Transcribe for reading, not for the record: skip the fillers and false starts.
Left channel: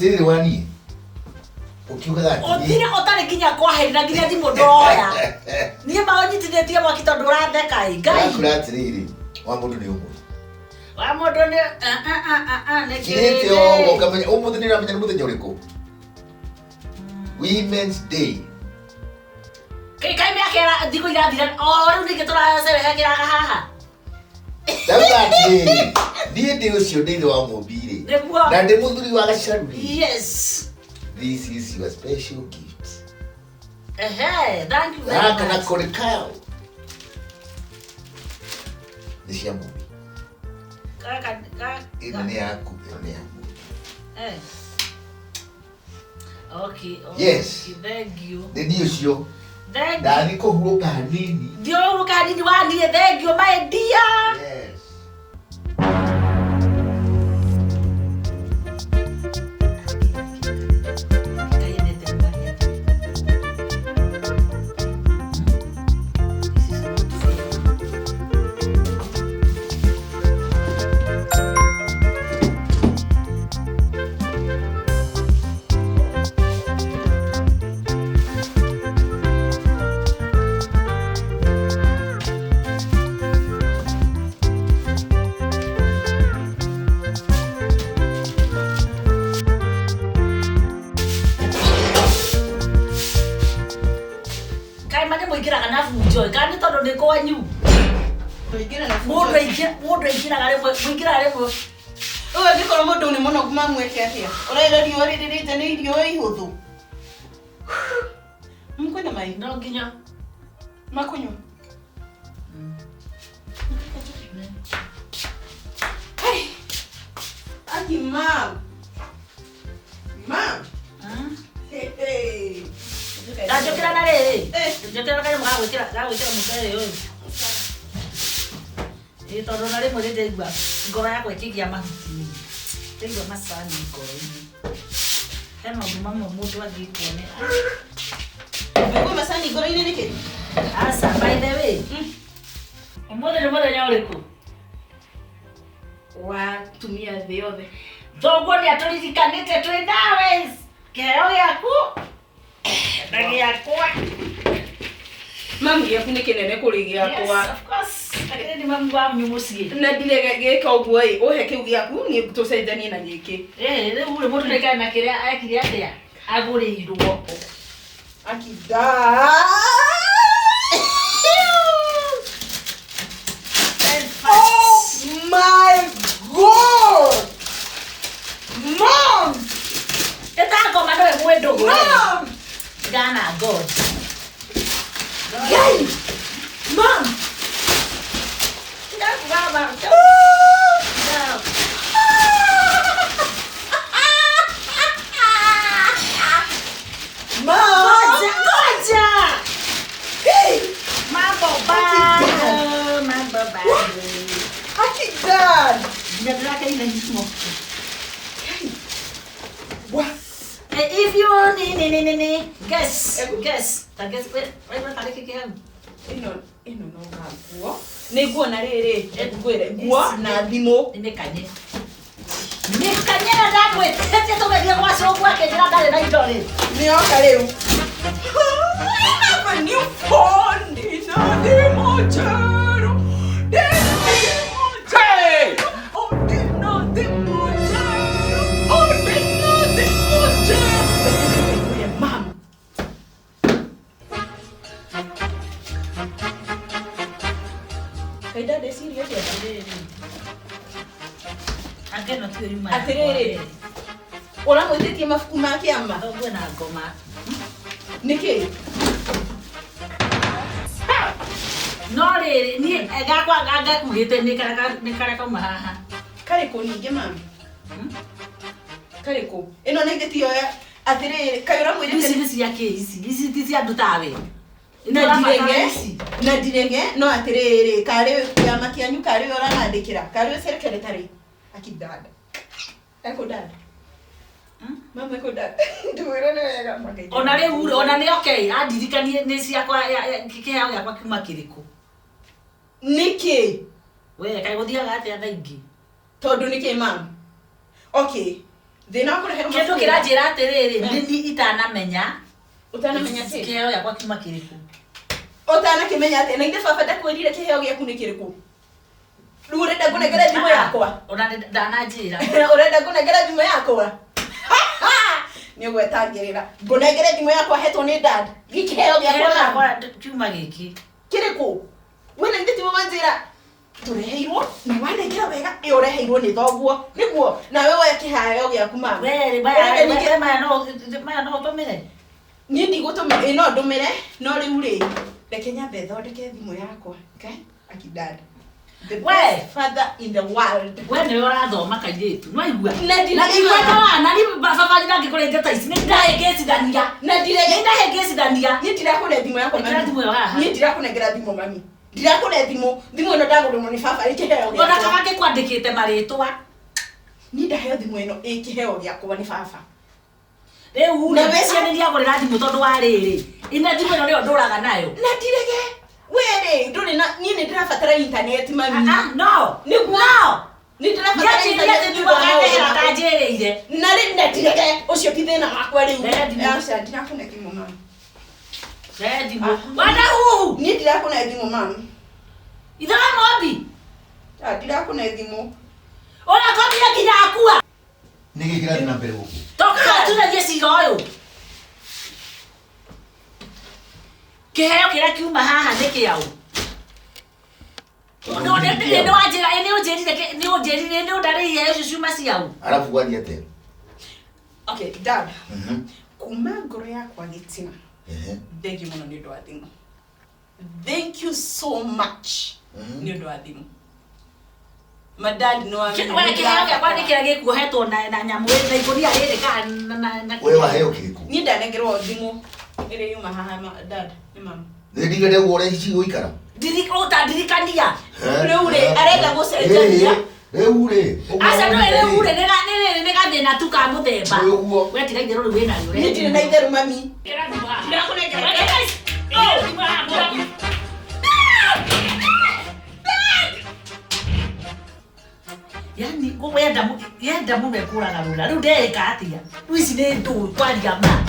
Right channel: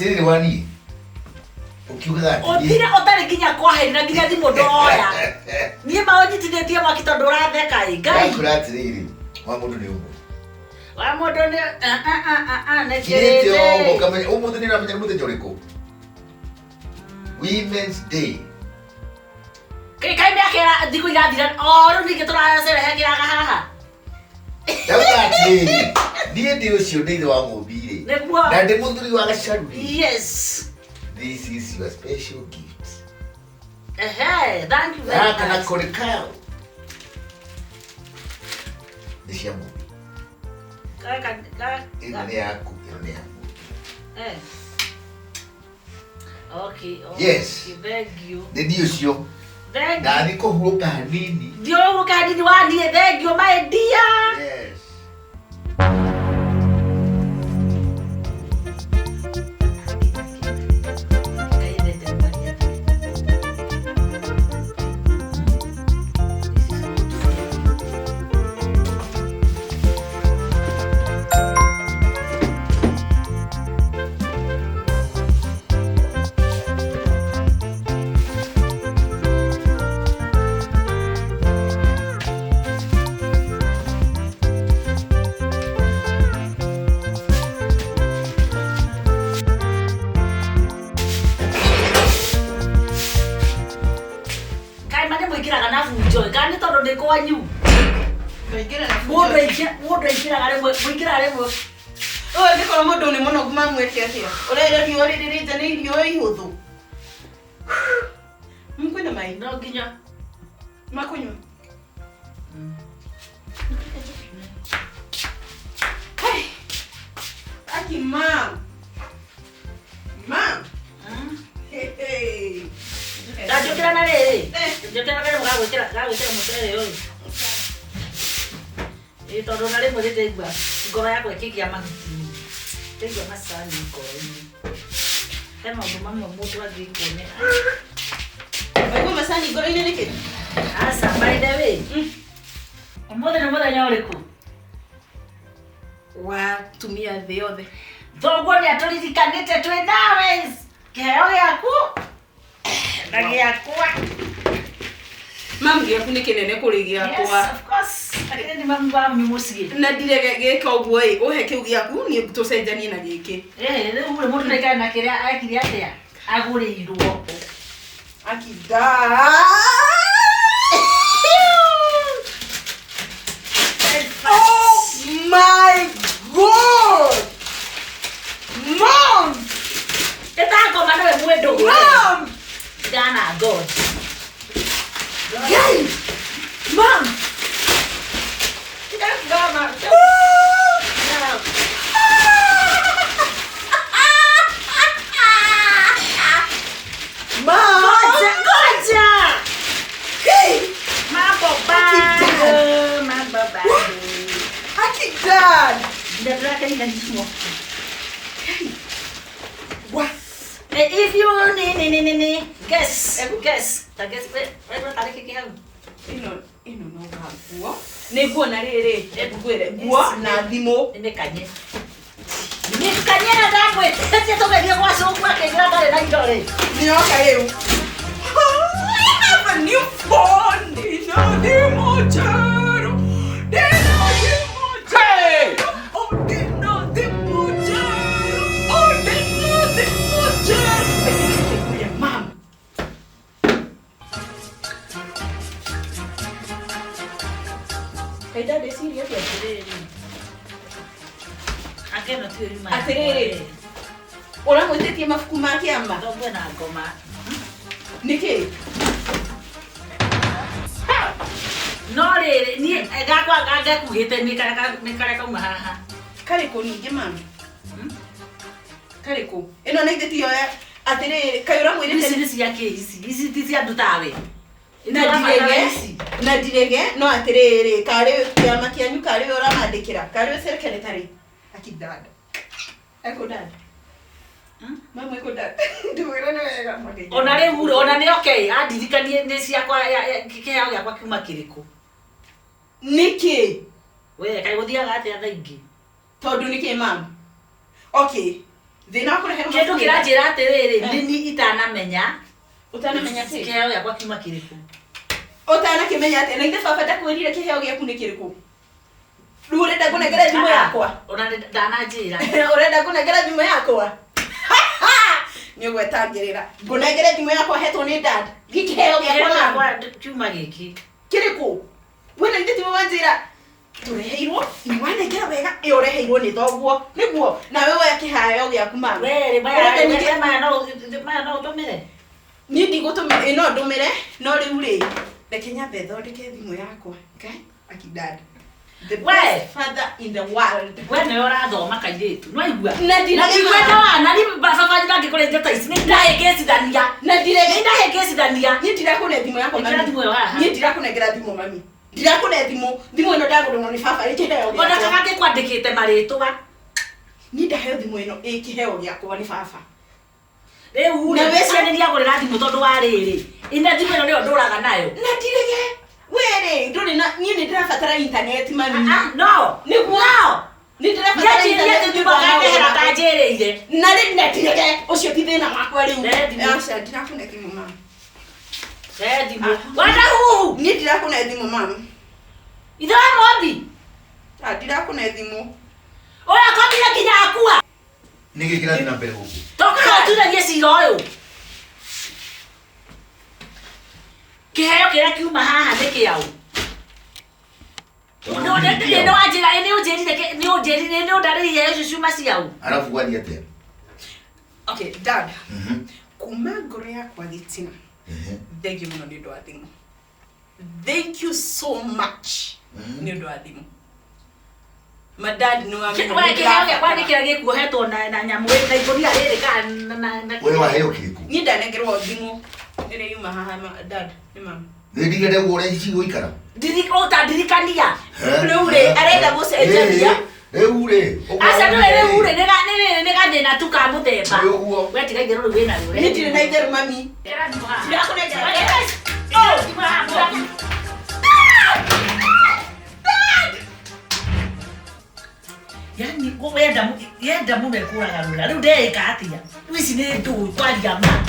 Siri wani. Ukiuga ati. Otira otari kinya kwa haina kinya thimo ndoya. Ni maonyitithĩtie mwaki tondũ ũratheka ĩ Ngai. Akura atiriri. Wa mũndũ nĩ ũmwe. Wa mũndũ nĩ Kĩrĩte ũguo kamenya ũmũthĩ nĩ ũramenya nĩ mũthenya ũrĩkũ? Women's Day. Kai mĩaka thikũ irathira rĩu ningĩ tũracerehagĩraga haha. Ndauga atĩrĩrĩ, niĩ ndĩ ũcio ndĩ ithe wa Mumbi-rĩ, na ndĩ mũthuri wa Gacaru-rĩ. Yes. This is your special gift. Thank you very much. Kana kũrĩ kao. Nĩ cia Mumbi. Ĩno nĩ yaku, ĩno nĩ yaku. Okay. Yes. Thank you. Nĩ niĩ ũcio. Ndani kũhurũka hanini. Ndiũhurũka hanini wa niĩ thank you my dear. Yes. Gani todo de coanyu. Mũndũ aingĩraga rĩmwe. Nĩ korwo mũndũ nĩ mũnogu mamwĩte atĩa. Ũrĩrĩa riũa rĩrĩte nĩ irio ihũthũ. Kwĩna maĩ? No nginya. Makunywa. Hey. Aki mam. Mam. Hey. Gajokera na rĩrĩ. Njokera kare gagwĩkĩra mũcere ũyũ. Tondũ na rĩmwe rĩngĩigua ngoro yakwa ĩkĩgĩa mahuti. Ndaigua macani ngoro-inĩ. He maũndũ mamwe mũndũ angĩkuonera. Waigua macani ngoro-inĩ nĩkĩ? Aca by the way. Ũmũthĩ nĩ mũthenya ũrĩkũ? Wa tumia thĩ yothe. Thoguo nĩ atũririkanĩte twĩ nawe. Kĩheo gĩaku. Na gĩakwa. Mami gĩaku nĩ kĩnene kũrĩ gĩakwa. Yes, of course. Lakini ni mami wanyu mũciĩ. Na ndirege gĩka ũguo ĩ, ũhe kĩu gĩaku niĩ tũcenjanie na gĩkĩ. Rĩu mũndũ nĩkae na kĩrĩa ekire atĩa? Agũrĩirwo. Akida. Oh my God! Mom! Ngoma no mwendo. Mom! Dana God. Yay! Mom! Mama. Goja. Hey! Mambo bado. Akidad! Ndio kaina nisimo. What? If you guess. Wewe tari kiki yangu. Ino no gaguo. Nĩ nguo na rĩrĩ, ngwĩre nguo na thimũ. Nimekanye. Nimekanye na damu. Sasa tukaje kwa soko yake kila kale na idole. Nioka leo. I have a new phone. Dino de mocharo. Hey! Oh, dino de mocharo. Oh, dino de mocharo. Mom. Hey, Dad, is serious? Ageno tu yuma. Aterere. Ora mwĩtĩtie mabuku ma kĩama. Ndogo na ngoma. Nĩkĩ? No rĩrĩ ni gakwa gakuhĩte nĩ kare kauma haha. Karĩkũ ningĩ mami? Karĩkũ? Ĩno nĩ ithĩtio ya atĩrĩrĩ, kaĩ ũramwĩrĩte Ici cia ici ti cia ndutawe. na ndirege no atĩrĩrĩ, karĩ kĩama kĩanyu karĩ ũramandĩkĩra, karĩ serikali tarĩ akidada. Eko dada. Mama eko dada. Nduwĩra nĩ wega magai. Ona rĩu ona nĩ okay, andirikanie nĩ ciakwa kĩheo gĩakwa kiuma kĩrĩkũ. Nĩkĩ? We kaĩ gũthiaga atĩa thaa ingĩ? Tondũ nĩkĩ mama? Okay. Thina kureherwo Kindu kiranjira atiriri nini itanamenya. Utanamenya ati kiheo yakwa kiuma kiriku. Utanakimenya ati na inde baba ndakwirire kiheo giaku ni kiriku. Riu urenda kunengera thimu yakwa. Ndananjira. Urenda kunengera thimu yakwa. Ni ugwetangirira. Ngunengere thimu yakwa hetwo ni dad. Gikiheo giakwa kiuma giki. Kiriku. Wena inde thimu wanjira. Tureheirwo ni wanengera wega ureheirwo ni thoguo niguo na wewe ya kiheo giaku mama Were baya no tumire ni ndigutumira ino ndumire no riu ri reke nyambe thondeke thimu yakwa okay akidad the best father in the world wene urathoma kairitu no igua na ndikwenda na ni baba ndangi kurenga taisi ni ndahengecithania na ndirege ndahengecithania ni ndirakune thimu yakwa mami ni ndirakunengera thimu mami ndirakune thimu ino ndagurwo ni baba ikiheo ona kabake kwandikite maritwa ni ndaheo thimu ino ikiheo giakwa ni baba Riu na wese ni ndiagurira thimu tondu wa riri ina thimu ino rio nduraga nayo na ndirege were nduri na ni ndirabatara internet mami no ni ndirabatara internet thimu gakehera kanjiriire na ni ndirege ucio ti thina wakwa riu acha ndirakune thimu mami thimu Wandahuhu ni ndirakune thimu mami itha Mumbi ndirakune thimu oya kobira kinya akua Nige kirathi na mbere guku. Toka tunagie ciira uyu. Kiheo kira kiuma haha ni kiau. No ndete no ajira ni unjirire ni undari Yesu ciuma ciau. Arafu gwani ate. Okay, dad. Kuma ngoro yakwa gitina. Thank you muno ni ndo athimu. Thank you so much. Ni ndo athimu. Madad no amenya. Wewe kiheo yakwa ni kira gikuhetwo na nyamu na ikoria riri ka na Wewe waheo kiriku. Ni ndanengerwo thimu. Ire yuma haha dad ni mama. Ndigire wore hici guikara. Ndirikania. Riu ri arenda gucenjania. Riu ri. Asa no riu ri ni gathina tu ka muthemba. We tiga itherũ riu wina riu. Ni tiri na itherũ mami. Ndirakunengera. Yani yenda mumekuraga rura riu ndeka atia riu ici ni ndu twaria ma